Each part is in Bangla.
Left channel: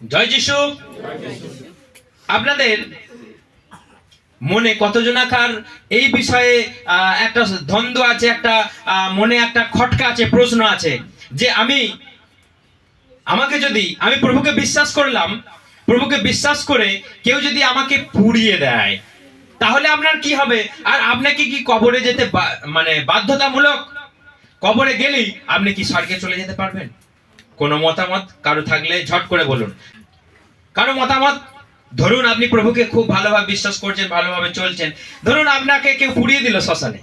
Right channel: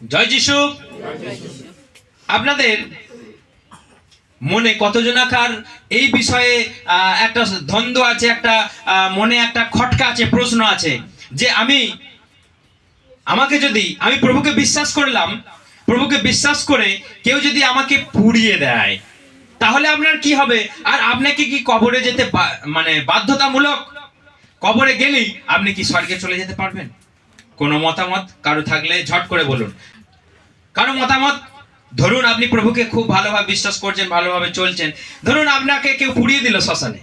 জয় যিশু। আপনাদের মনে কতজনাকার এই বিষয়ে একটা দ্বন্দ্ব আছে, একটা মনে একটা খটকা আছে, প্রশ্ন আছে যে আমাকে যদি আমি প্রভুকে বিশ্বাস করলাম, প্রভুকে বিশ্বাস করে কেউ যদি আমাকে পুড়িয়ে দেয় তাহলে আপনার কি হবে? আর আপনাকে কি কবরে যেতে মানে বাধ্যতামূলক? কবরে গেলেই আপনি কি স্বর্গে চলে যেতে পারবেন? কোনো মতামত কারো থাকলে ঝট করে বলুন। কারো মতামত? ধরুন আপনি প্রভুকে খুব ভালোভাবে বিশ্বাস করছেন, ভালোভাবে চলছেন, ধরুন আপনাকে কেউ পুড়িয়ে দিল শ্মশানে,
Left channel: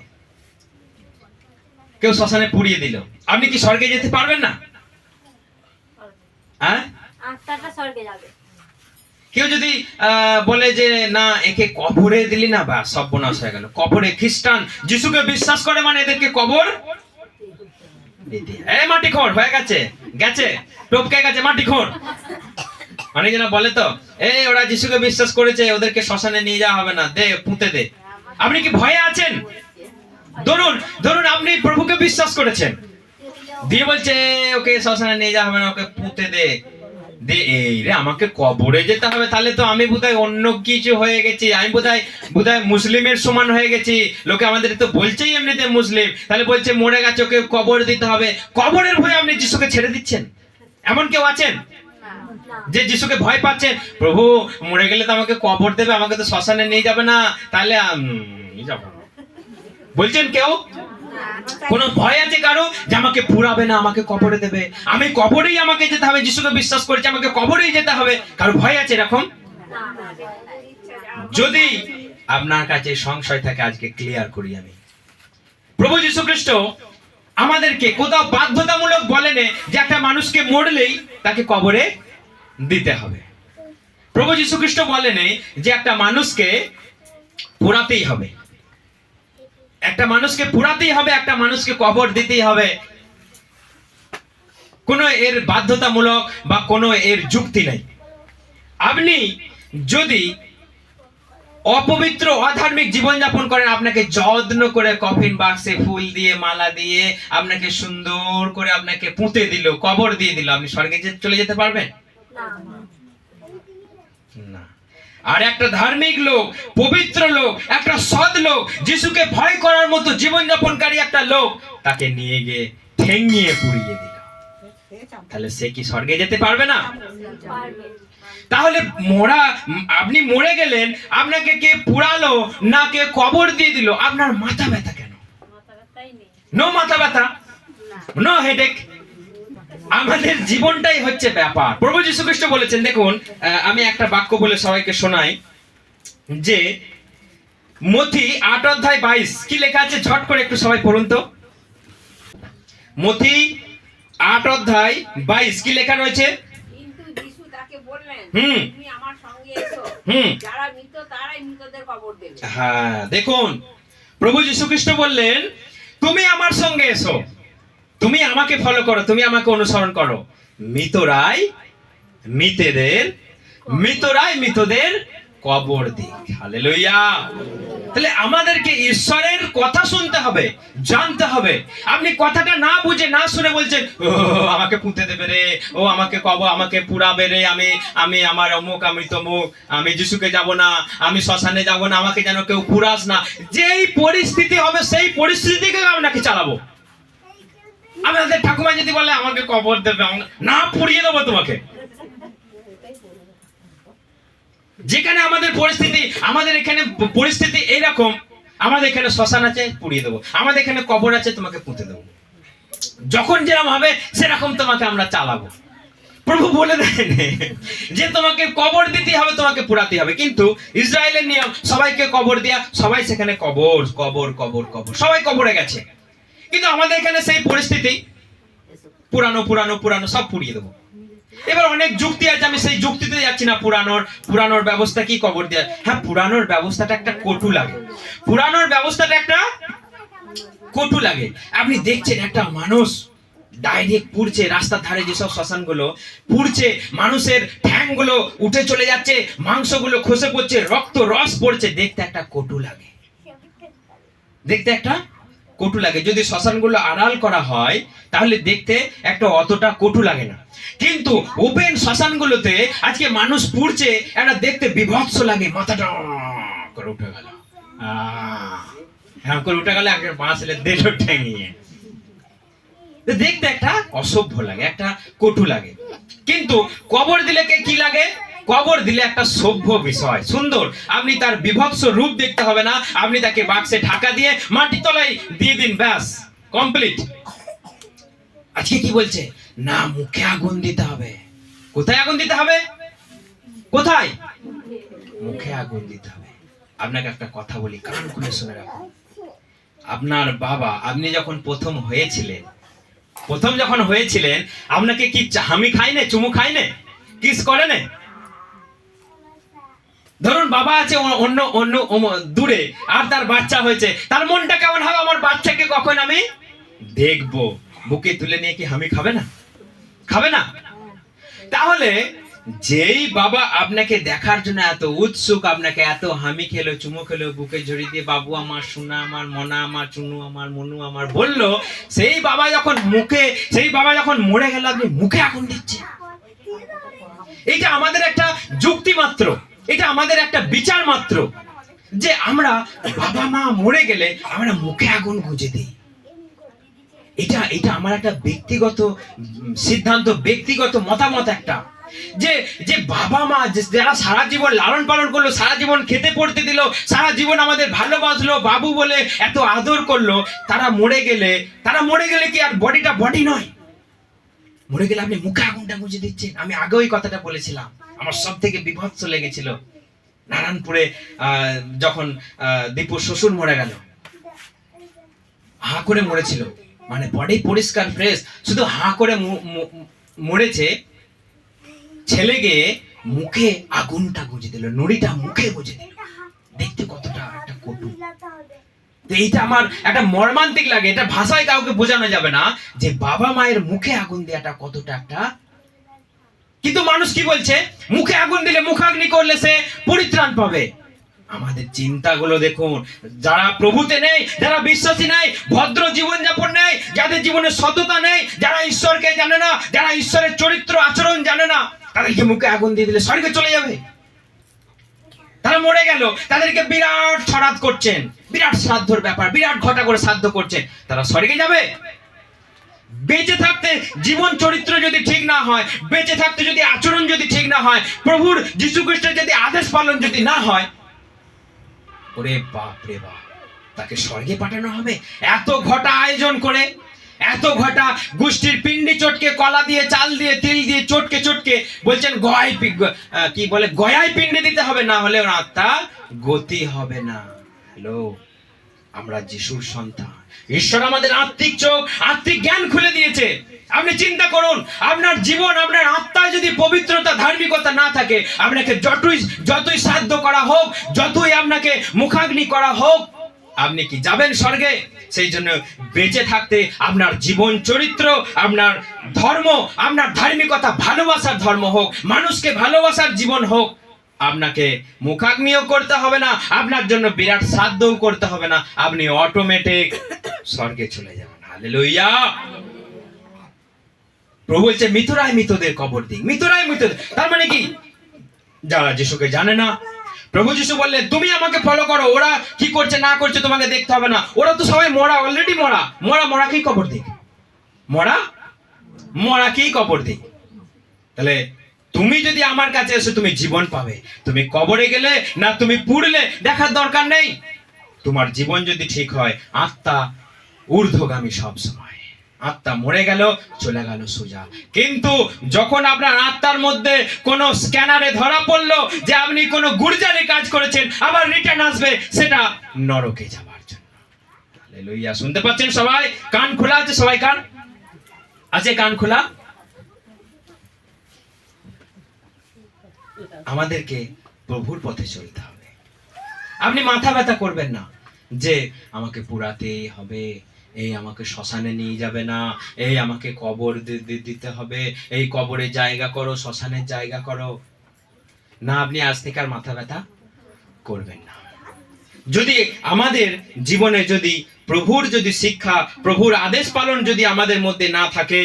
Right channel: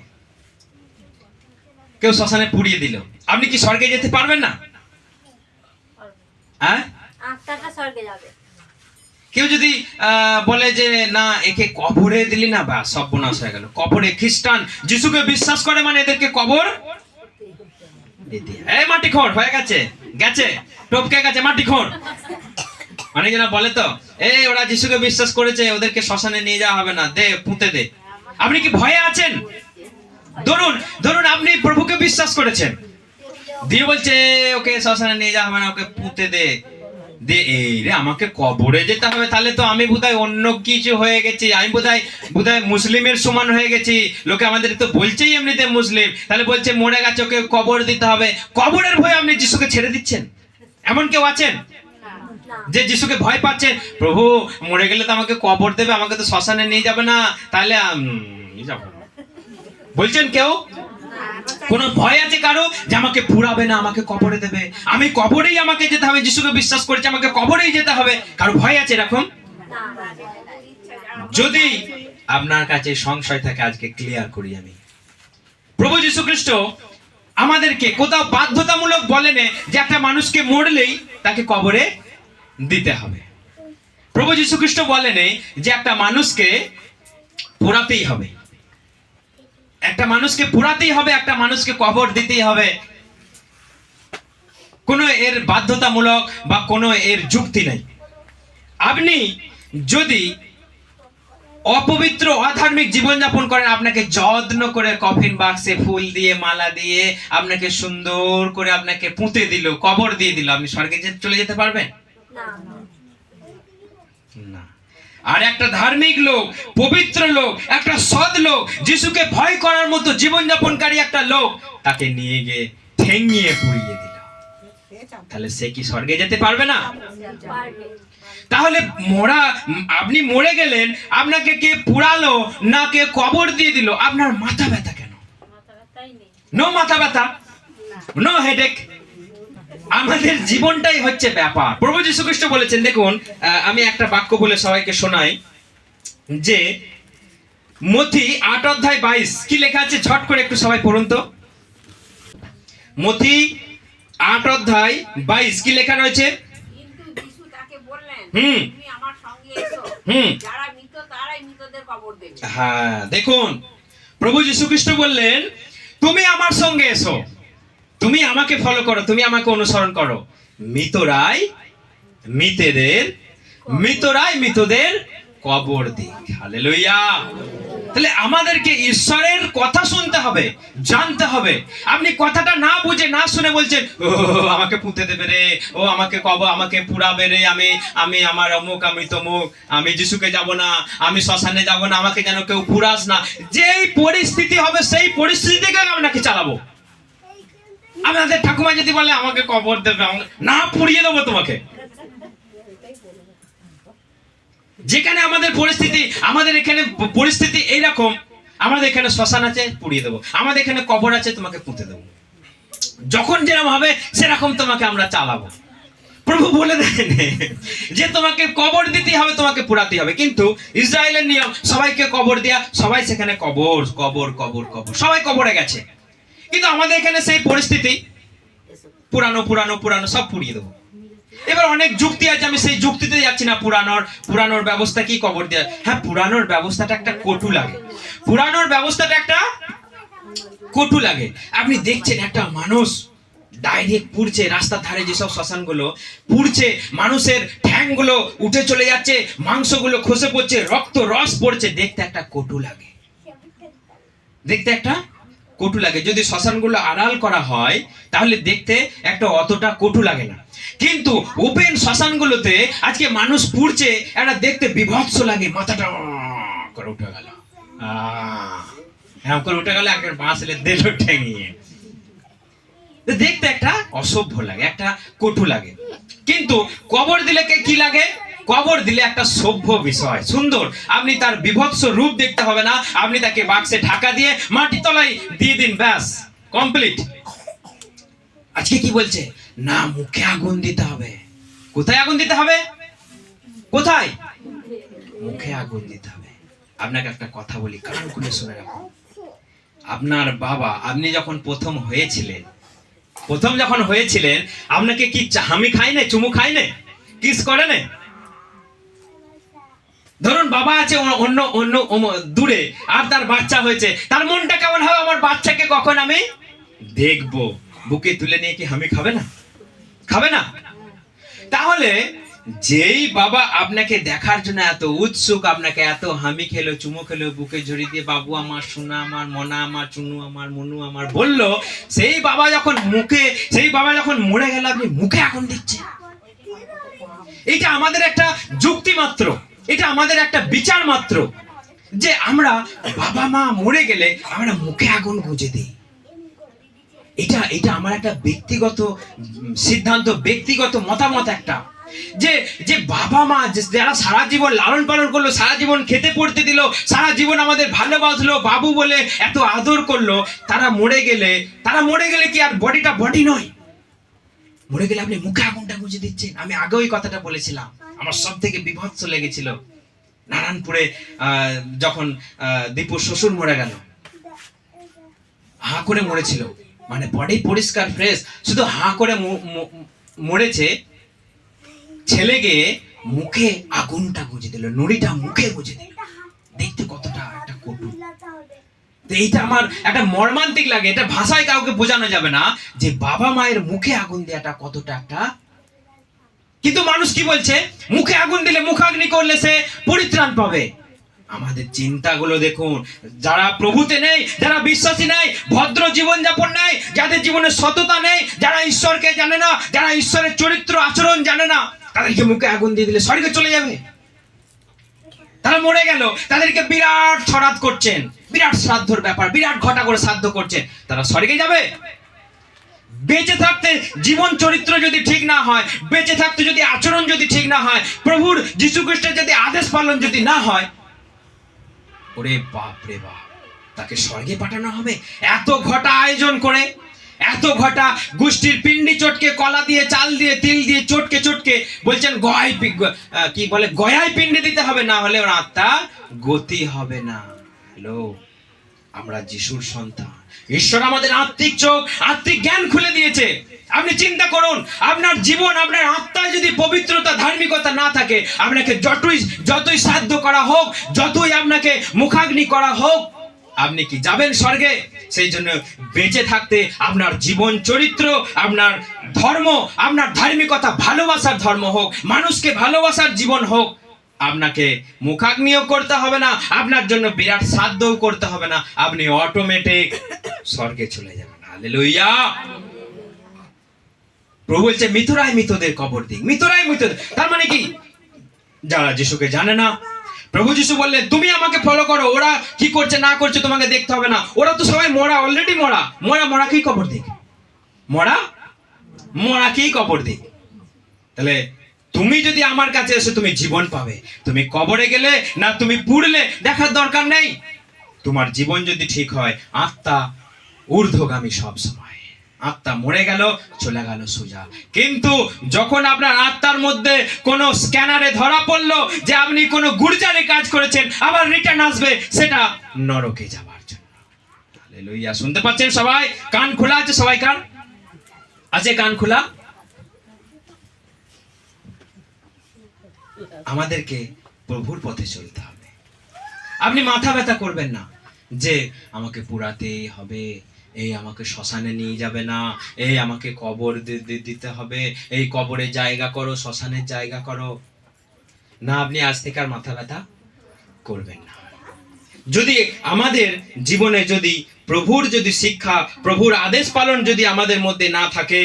কেউ শ্মশানে পুড়িয়ে দিল, আপনি কি স্বর্গে যেতে পারবেন না? হ্যাঁ, আত্মাটা স্বর্গে যাবে। কেউ যদি বলে যে না একে কবরে দিলি না, বা সর্বনাশ হয়ে গেল, কবরে খ্রিস্টান যিশুকে বিশ্বাস করে মানে এদেরকে কবর এই মাটি খোঁড় হয়ে গেছে, গেছে টপকে গেছে মাটি খোঁড়। অনেকজনা বলে তো এই ওরা যিশুকে বিশ্বাস করেছে, ওদেরকে শ্মশানে নিয়ে যাওয়া হবে না, দে পুঁতে দে। আপনি কি ভয়ে আছেন? ধরুন ধরুন আপনি প্রভুকে বিশ্বাস করেছেন, দিয়ে বলছে ওকে শ্মশানে নিয়ে যাওয়া হবে না, ওকে পুঁতে দে। এই রে আমাকে কবরে যেতে হবে, তাহলে তো আমি বোধহয় অন্য কিছু হয়ে গেছি, আমি বোধহয় মুসলিমের সমান হয়ে গেছি। লোকে আমাদের তো বলছেই এমনিতে মুসলিম, তাহলে বলছে মরে গেছে ওকে কবর দিতে হবে। কবরের ভয়ে আপনি যিশুকে ছেড়ে দিচ্ছেন? এমন কেউ আছেন যে যিশুকে ভয় পাচ্ছে? প্রভু মরে গেলে তো আমাকে কবর দেবে, আমাকে তো শ্মশানে নিয়ে যাবে না, তাহলে যাবো বলছেন কেউ? কোন ভয় আছে কারো যে আমাকে পুরাবে না, আমাকে কবরে দেবে, আমি কবরেই আমাকে যেতে হবে, যিশুকে বিশ্বাস করেছি আমাকে কবরেই যেতে হবে, কারো ভয় আছে এরকম? যদি আপনার কাছে সংশয় থাকে আজকে ক্লিয়ার করি আমি। প্রভু যীশু খ্রিস্ট আমাদেরকে কোথাও বাধ্যতামূলক বলেন যে একটা মানুষকে মরলেই তাকে কবরে দিতে হবে। প্রভু যীশু খ্রিস্ট বলেন যে একটা মানুষকে পোড়াতেই হবে, একটা মানুষকে পুরাতেই হবে, একটা মানুষকে কবর দিতেই হবে। কোনো এর বাধ্যতামূলক বা কোনো এর যুক্তি নেই। আপনি যদি অপবিত্র অধার্মিক জীবনযাপন করেন, আপনাকে যত্ন করে কফিন বাক্সে ফুল দিয়ে মালা দিয়ে আপনাকে সুন্দর করে আপনাকে পুঁতে দিল, কবর দিয়ে দিল, আপনি স্বর্গে চলে যেতে পারবেন না। আর একটা ধার্মিক লোক, পবিত্র লোক, একটা সৎ লোক, যিশুকে ভয় করার মতো জীবনযাপনকারী একটা লোক, তাকে নিয়ে গিয়ে ঠেঙিয়ে পুড়িয়ে দিল, তাহলে সে কি স্বর্গে যেতে পারবে না? তাহলে আপনি মরে গেলেন, আপনাকে কে পুড়ালো না কে কবর দিয়ে দিল, আপনার মাথা ব্যথা কেন? নো মাথা ব্যথা, নো হেডেক। আমাদের জীবনটাই হচ্ছে ব্যাপার। প্রভু যীশু খ্রিস্ট বলেছেন, দেখুন আমি একটা বাক্য বলে সবাইকে শোনাই, যে মথি 8:22 কি লেখা আছে, ঝট করে একটু সবাই পড়ুন তো। মথি 8:22 কি লেখা রয়েছে? কিন্তু যিশু তাকে বললেন, হুম, তুমি আমার সঙ্গে এসো, যারা মৃত তারাই মৃতদের কবর দেবে। হ্যাঁ, দেখুন প্রভু যীশু খ্রিস্ট বললেন তুমি আমার সঙ্গে এসো, তুমি আমাকে ফলো করো, তুমি আমাকে অনুসরণ করো, মৃতরাই মৃতদের কবর দিক। হালেলুয়া। তাহলে আমাদেরকে ঈশ্বরের কথা শুনতে হবে, জানতে হবে। আপনি কথাটা না বুঝে না শুনে বলছেন ও আমাকে পুঁতে দেবে রে, ও আমাকে আমাকে পুড়াবে রে, আমি আমার অমুক, আমি তমুক, আমি যিশুকে যাব না, আমি শ্মশানে যাব না, আমাকে যেন কেউ পুরাস না। যেই পরিস্থিতি হবে সেই পরিস্থিতিকে আপনাকে চালাবো। আমাদের ঠাকুমা যদি বলে আমাকে কবর দেবে, না পুড়িয়ে দেবো তোমাকে। যেখানে আমাদের এখানে পরিস্থিতি এইরকম, আমাদের এখানে শ্মশান আছে পুড়িয়ে দেবো, আমাদের এখানে কবর আছে তোমাকে পুঁতে দেবো, যখন যেরকম হবে সেরকম তোমাকে আমরা চালাবো। প্রভু বলে দেন যে তোমাকে কবর দিতে হবে, তোমাকে পুরাতে হবে। কিন্তু ইসরায়েলের নিয়ম সবাইকে কবর দেয়া, সবাই সেখানে কবর কবর কবর কবর, সবাই কবরে গেছে। কিন্তু আমাদের এখানে সেই পরিস্থিতি, পুরানো সব পুড়িয়ে দেবো। এবার অনেক যুক্তি আছে, আমি সেই যুক্তিতে যাচ্ছি না। পুরানোর ব্যবস্থা কি কবর দেওয়া? হ্যাঁ, পুরানোর ব্যবস্থাটা একটা কটু লাগে। আপনি দেখছেন একটা মানুষ ডাইরেক্ট পুড়ছে, রাস্তার ধারে যেসব শ্মশানগুলো পুড়ছে, মানুষের ঠ্যাংগুলো উঠে চলে যাচ্ছে, মাংসগুলো খসে পড়ছে, রক্ত রস পড়ছে, দেখতে একটা কটু লাগে, দেখতে একটা কটু লাগে। যদি শ্মশানগুলো আড়াল করা হয় তাহলে দেখতে একটা অতটা কটু লাগে না, কিন্তু ওপেন শ্মশানগুলোতে আজকে মানুষ পুড়ছে, একটা দেখতে বিভৎস লাগে, মাথাটা করে উঠে গেল, এরকম করে উঠে গেল, একটা বাঁশ এলে দিল ঠেঙিয়ে, দেখতে একটা অসভ্য লাগে, একটা কটু লাগে। কিন্তু কবর দিলে কি লাগে? কবর দিলে একটা সভ্য বিষয়, সুন্দর। আপনি তার বিভৎস রূপ দেখতে হবে না, আপনি তাকে বাক্সে ঢাকা দিয়ে মাটি তলায় দিয়ে দিন, ব্যাস কমপ্লিট। আজকে কি বলছে না, মুখে আগুন দিতে হবে। কোথায় আগুন দিতে হবে? কোথায়? মুখে আগুন দিতে হবে। আপনাকে একটা কথা বলি, কান খুলে শুনে রাখুন। আপনার বাবা, আপনি যখন প্রথম যখন হয়েছিলেন আপনাকে কি হামি খাই না, চুমু খাই না, কিস করে না? ধরুন বাবা আছে অন্য অন্য দূরে, আর তার বাচ্চা হয়েছে, তার মনটা কেমন হবে? আমার বাচ্চাকে কখন আমি দেখবো, বুকে তুলে নিয়ে কি হামি খাবে না? খাবে না? তাহলে যেই বাবা আপনাকে দেখার জন্য এত উৎসুক, আপনাকে এত হামি খেলো, চুমু খেলো, বুকে জড়িয়ে দিয়ে বাবু আমার, সোনা আমার, মনা আমার, চুনু আমার, মনু আমার বললো, সেই বাবা যখন মরে গেল আপনি মুখে আগুন দিচ্ছেন। এটা আমাদের একটা যুক্তি মাত্র, এটা আমাদের একটা বিচার মাত্র, যে আমরা বাবা মা মরে গেলে আমরা মুখে আগুন গুঁজে দিই। এটা আমার একটা ব্যক্তিগত সিদ্ধান্ত, ব্যক্তিগত মতামত একটা, যে বাবা মা যারা সারা জীবন লালন পালন করলো, সারা জীবন খেতে পড়তে দিল, সারা জীবন আমাদের ভালোবাসলো, বাবু বলে এত আদর করলো, তারা মরে গেলে কি আর বডিটা বডি নয়? মরে গেলে আপনি মুখে আগুনটা গুঁজে দিচ্ছেন। আমি আগে ওই কথাটা বলেছিলাম, আমার সব থেকে বিভৎস লেগেছিল নারায়ণপুরে যখন দীপুর শ্বশুর মরে গেল, হা করে মরেছিল, মানে বডি পরিষ্কার ফ্রেশ, শুধু হা করে মরেছে। ছেলে গিয়ে মুখে আগুনটা গুঁজে দিল, নুড়িটা মুখে গুঁজে দিল, দেখতে কতটা একটা কটু। তো এইটা আমার একটা মর্মান্তিক লাগে, এটা ভাষায় কাউকে বোঝানো যাবে না যে বাবা মায়ের মুখে আগুন দেওয়াটা কতটা একটা। কিন্তু মানুষ কি বলছে? মুখে আগুন দিলে, মুখাগ্নি করলে সে পরিত্রাণ পাবে। আমাদের চিন্তাগুলো দেখুন, যারা প্রভুতে নেই, যারা বিশ্বাসী নেই, ভদ্র জীবন যাপন নেই, যাদের জীবনে সততা নেই, যারা ঈশ্বরকে জানে না, যারা ঈশ্বরের চরিত্র আচরণ জানে না, তাদেরকে মুখে আগুন দিয়ে দিলে স্বর্গে চলে যাবে। তারা মরে গেল, তাদেরকে বিরাট ছড়াত করছেন, বিরাট শ্রাদ্ধর ব্যাপার, বিরাট ঘটা করে শ্রাদ্ধ করছেন, তারা স্বর্গে যাবে? বেঁচে থাকতে জীবন চরিত্র যদি ঠিক না হয়, বেঁচে থাকতে যদি আচরণ যদি ঠিক না হয়, প্রভুর যীশু খ্রিস্টের যদি আদেশ পালন যদি না হয়, ওরে বাপ রে বাপ, তাকে স্বর্গে পাঠানো হবে? এত ঘটা আয়োজন করে, এত ঘটা গোষ্ঠীর পিণ্ডি চটকে, কলা দিয়ে, চাল দিয়ে, তিল দিয়ে চটকে বলছেন কি বলে, গয়ায় পিণ্ডি দিতে হবে, না হলে ওর আত্মা গতি হবে না। হ্যালো, আমরা যিশুর সন্তান, ঈশ্বর আমাদের আত্মিক চোখ, আত্মিক জ্ঞান খুলে দিয়েছে। আপনি চিন্তা করুন, আপনার জীবন, আপনার আত্মায় যদি পবিত্রতা, ধার্মিকতা না থাকে, আপনাকে যতই সাধ্য করা হোক, যতই আপনাকে মুখাগ্নি করা হোক, আপনি কি যাবেন স্বর্গে? সেই জন্য বেঁচে থাকতে আপনার জীবন চরিত্র, আপনার ধর্ম, আপনার ধার্মিকতা, ভালোবাসার ধর্ম হোক, মানুষকে ভালোবাসার জীবন হোক, আপনাকে মুখাগ্নিও করতে হবে না, আপনার জন্য বিরাট সাধ্যও করতে হবে না, আপনি অটোমেটিক স্বর্গে চলে যাবেন। হালেলুয়া। প্রভু বলছে মৃতরাই মৃতদের কবর দিক, মৃতরাই মৃতদের। তার মানে কি? যারা যিশুকে জানে না, প্রভু যিশু বললেন তুমি আমাকে ফলো করো, ওরা কি করছে না করছে তোমাকে দেখতে হবে না, ওরা তো সবাই মরা, অলরেডি মরাকেই কবর দিক, মরাকেই কবর দিক। তাহলে তুমি যদি আমার কাছে এসে তুমি জীবন পাবে, তুমি কবরে গেলে না তুমি পুড়লে দেখার দরকার নেই। তোমার জীবন যদি ঠিক হয়, আত্মা ঊর্ধ্বগামী সব সময়, আত্মা মরে গেল, চলে গেল সোজা। কিন্তু যখন আপনার আত্মার মধ্যে কোনো স্ক্যানারে ধরা পড়লো যে আপনি কোনো গুরজারি কাজ করেছেন, আবার রিটার্ন আসবে সেটা নরকে যাবার জন্য। হালেলুয়া। শুনতে পাচ্ছেন সবাই? কান খোলা আছে সবাই? কান আছে? কান খোলা? আমাদেরকে প্রভুর পথে চলতে হবে। আপনি মাথা ব্যথা করবেন না যে আমাকে পুরাতেই হবে, এই আমাকে শ্মশানে নিয়ে যাবে না, এই আমাকে কবর দিতে হবে, এই কবরের জায়গা করো, শ্মশানের জায়গা করো না। আপনি আজ থেকে আর মাথা ব্যথা করবেন না। যদি আমাদের জীবনে যদি প্রভুর যদি শিক্ষা, প্রভুর আদেশ পালন যদি আমাদের মধ্যে না থাকে,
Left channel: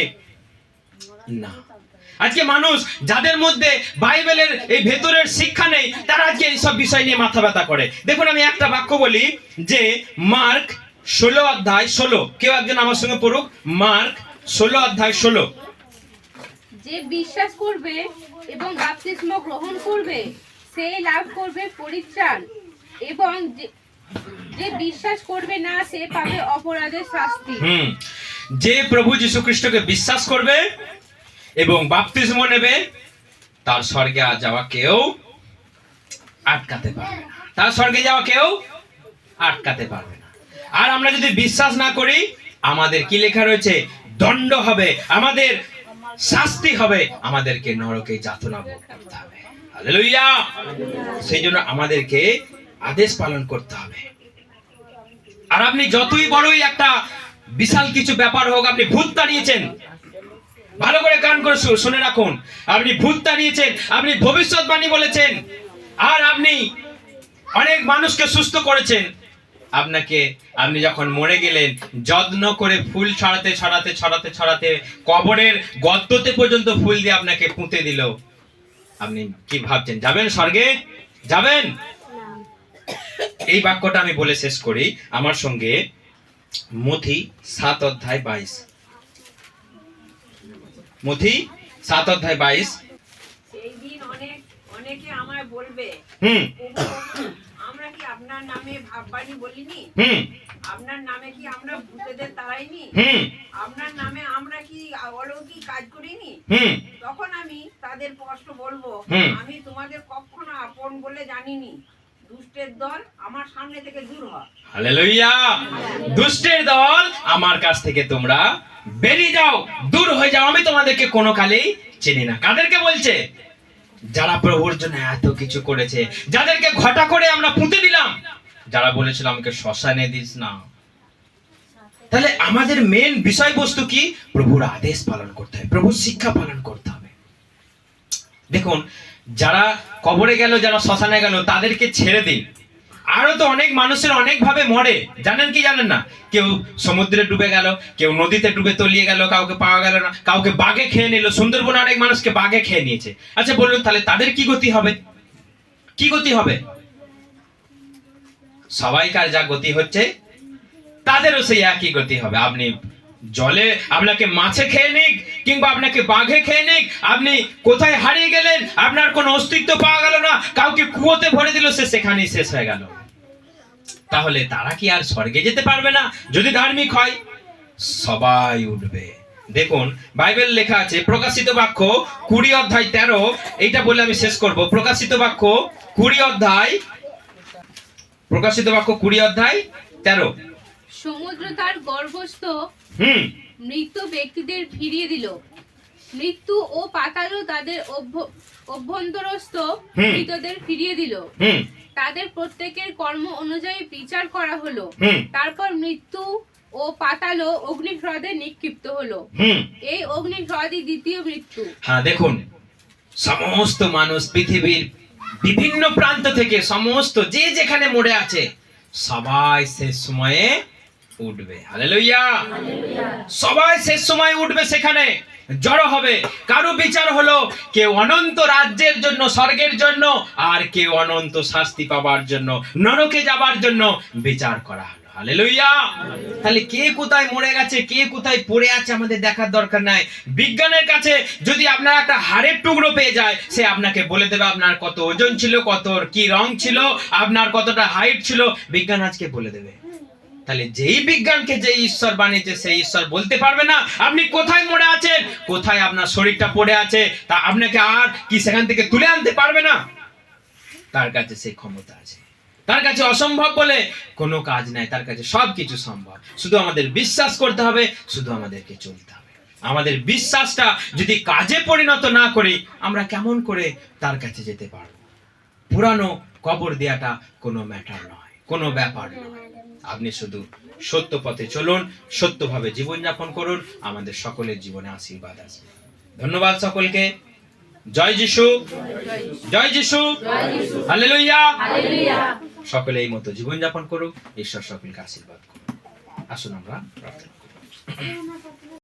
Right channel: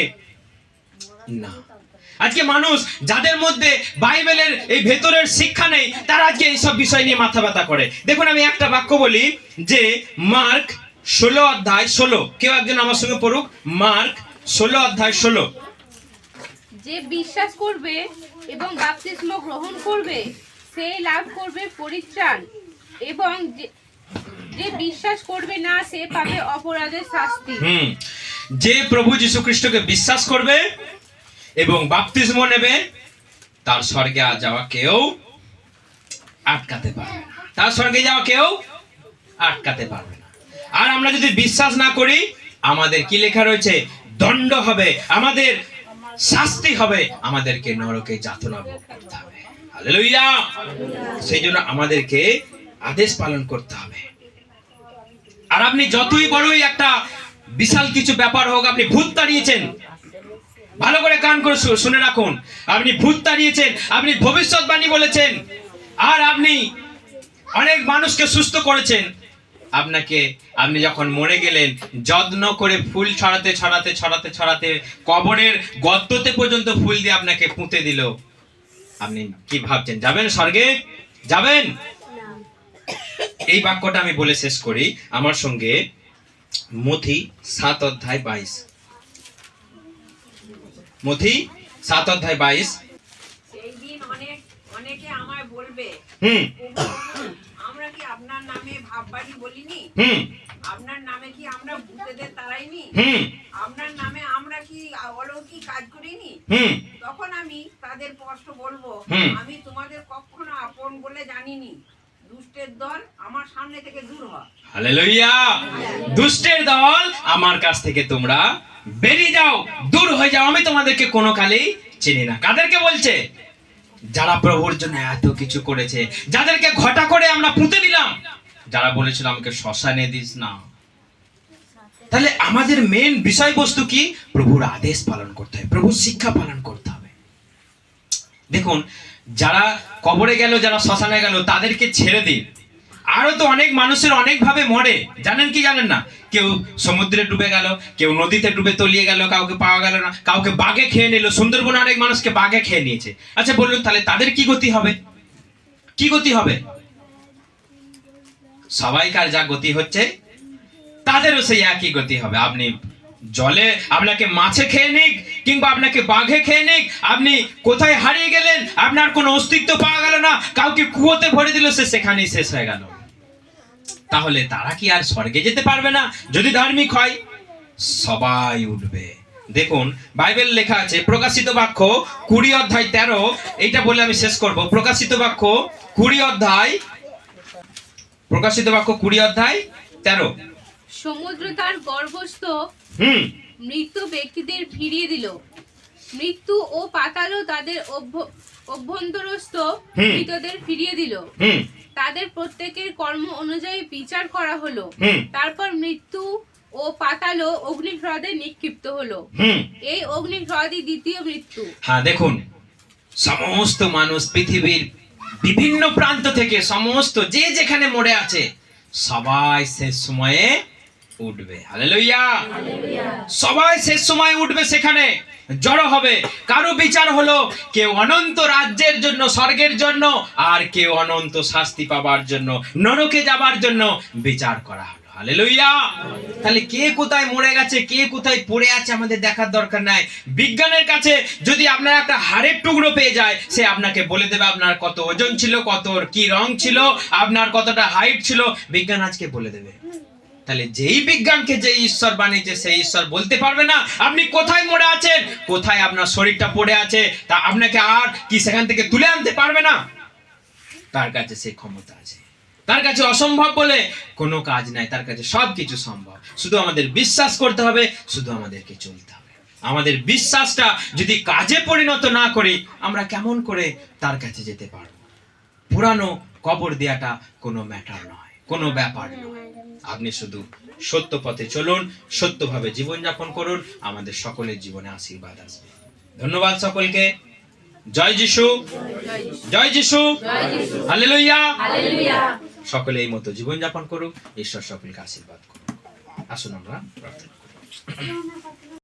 না। আজকে মানুষ যাদের মধ্যে বাইবেলের এই ভেতরের শিক্ষা নেই, তারা আজকে এইসব বিষয় নিয়ে মাথা ব্যথা করে। দেখুন, আমি একটা বাক্য বলি যে মার্ক 16 অধ্যায় 16, কেউ একজন আমার সঙ্গে পড়ুক। মার্ক 16 অধ্যায় 16। যে বিশ্বাস করবে এবং বাপ্তিস্ম গ্রহণ করবে সে লাভ করবে পরিত্রাণ, এবং যে বিশ্বাস করবে না সে পাবে অপরাধের শাস্তি। যে প্রভু যীশু খ্রিস্টকে বিশ্বাস করবে এবং বাপ্তিস্ম নেবে, তার স্বর্গে যাওয়া কেউ আটকাতে পারবে না। তার স্বর্গে যাওয়া কেউ আটকাতে পারবে না। আর আমরা যদি বিশ্বাস না করি, আমাদের কি লেখা রয়েছে? দণ্ড হবে, আমাদের শাস্তি হবে, আমাদেরকে নরকে যাতনা ভোগ করতে হবে। হালেলুয়া! সেই জন্য আমাদেরকে আদেশ পালন করতে হবে। আর আপনি যতই বড়ই একটা বিশাল কিছু ব্যাপার হোক, আপনি ভূত তাড়িয়েছেন, ভালো করে কান করে শুনে রাখুন, আপনি ভূত তাড়িয়েছেন, আপনি ভবিষ্যৎবাণী বলেছেন, আর আপনি অনেক মানুষকে সুস্থ করেছেন, আপনি যখন মরে গেলেন, যত্ন করে ফুল ছড়াতে ছড়াতে ছড়াতে ছড়াতে কবরের গর্ততে পর্যন্ত ফুল দিয়ে আপনাকে পুঁতে দিল, আপনি কি ভাবছেন যাবেন স্বর্গে? যাবেন? এই বাক্যটা আমি বলে শেষ করি। আমার সঙ্গে মথি 7 অধ্যায় 22। মথি 7 অধ্যায় 22। সেই দিন অনেকে আমায় বলবে, আমরা কি আপনার নামে ভাববাণী বলিনি? আপনার নামে কি আমরা ভূতেদের তাড়াইনি? আপনার নামে আমরা কি অলৌকিক কাজ করিনি? তখন আমি তাদের স্পষ্ট বলবো, আমি তোমাদের কখনো আপন বলে জানিনি। দুষ্টের দল আমার সামনে থেকে দূর হ। হালেলুয়া! দুষ্টের দল আমার কাছ থেকে তোমরা বেরিয়ে যাও, দূর হয়ে যাও, আমি তোমাদেরকে কোনো কালেই চিনি না। কাদেরকে বলছে? যারা প্রভুর জন্য এত কিছু করেছে, যাদেরকে ঘটা করে আমরা পুঁতে দিলাম, যারা বলেছিল আমাকে শ্মশানে দিস না। তাহলে আমাদের মেন বিষয়বস্তু কি? প্রভুর আদেশ পালন করতে হবে, প্রভুর শিক্ষা পালন করতে হবে। দেখুন, যারা কবরে গেল, যারা শ্মশানে গেল, তাদেরকে ছেড়ে দিন। আরো তো অনেক মানুষের অনেক ভাবে মরে, জানেন কি জানেন না? কেউ সমুদ্রে ডুবে গেল, কেউ নদীতে ডুবে তলিয়ে গেল, কাউকে পাওয়া গেল না, কাউকে বাঘে খেয়ে নিল। সুন্দরবনে অনেক মানুষকে বাঘে খেয়ে নিয়েছে। আচ্ছা বলুন, তাহলে তাদের কি গতি হবে? কি গতি হবে? সবাইকার যা গতি হচ্ছে, তাদেরও সেই একই গতি হবে। আপনি জলে আপনাকে মাছে খেয়ে নিক, কিংবা আপনাকে বাঘে খেয়ে নিক, আপনি কোথায় হারিয়ে গেলেন, আপনার কোনো অস্তিত্ব পাওয়া গেল না, কাউকে কুয়োতে ভরে দিল, সে সেখানেই শেষ হয়ে গেল। তাহলে তারা কি আর স্বর্গে যেতে পারবে না? যদি ধার্মিক হয়, সবাই উঠবে। দেখুন, বাইবেল লেখা আছে প্রকাশিত বাক্য 20 অধ্যায় 13। এইটা বলে আমি শেষ করব। প্রকাশিত বাক্য 20 অধ্যায় 13। সমুদ্র তার গর্ভস্থ মৃত ব্যক্তিদের ফিরিয়ে দিল, মৃত্যু ও পাতালও তাদের অভ্যন্তরস্থ মৃতদের ফিরিয়ে দিল। তাদের প্রত্যেকের কর্ম অনুযায়ী বিচার করা হলো। তারপর মৃত্যু ও পাতালও অগ্নিহ্রদে নিক্ষিপ্ত হলো। এই অগ্নিহ্রদই দ্বিতীয় মৃত্যু। হ্যাঁ, দেখুন, সমস্ত মানুষ পৃথিবীর বিভিন্ন প্রান্ত থেকে, সমস্ত যে যেখানে মরে আছে, সবাই শেষ সময়ে উঠবে। হালেলুয়া! সবাই শেষ সময় উঠবে, সেখানে জড়ো হবে। কারো বিচার হলো, কেউ অনন্ত রাজ্যের জন্য, স্বর্গের জন্য, আর কেউ অনন্ত শাস্তি পাবার জন্য, নরকে যাবার জন্য বিচার করা হলো। হালেলুয়া! তাহলে কে কোথায় মরে গেছে, কে কোথায় পড়ে আছে, আমাদের দেখার দরকার নাই। বিজ্ঞানের কাছে যদি আপনার একটা হাড়ের টুকরো পেয়ে যায়, সে আপনাকে বলে দেবে আপনার কত ওজন ছিল, কত কি রং ছিল, আপনার কতটা হাইট ছিল, বিজ্ঞান আজকে বলে দেবে। তাহলে যেই বিজ্ঞানকে যে ঈশ্বর বানিয়েছে, সেই ঈশ্বর বলতে পারবে না আপনি কোথায় মরে আছেন, কোথায় আপনার শরীরটা পড়ে আছে, তা আপনাকে আর কি সেখান থেকে তুলে আনতে পারবে না? তার কাছে সেই ক্ষমতা আছে। তার কাছে অসম্ভব বলে কোনো কাজ নাই, তার কাছে সবকিছু সম্ভব। শুধু আমাদের বিশ্বাস করতে হবে, শুধু আমাদেরকে চলতে হবে। আমাদের বিশ্বাসটা যদি কাজে পরিণত না করি, আমরা কেমন করে তার কাছে যেতে পারবো? পুরানো কবর দেওয়াটা কোনো ম্যাটার নয়, কোনো ব্যাপার নয়। আপনি শুধু সত্য পথে চলুন, সত্যভাবে জীবনযাপন করুন, আমাদের সকলের জীবনে আশীর্বাদ আসবে। ধন্যবাদ সকলকে। জয় যিশু, জয় যিশু, হালেলুয়া। সকলে এই মতো জীবনযাপন করুক। ঈশ্বর সকলকে আশীর্বাদ করুন। আসুন আমরা প্রার্থনা করি।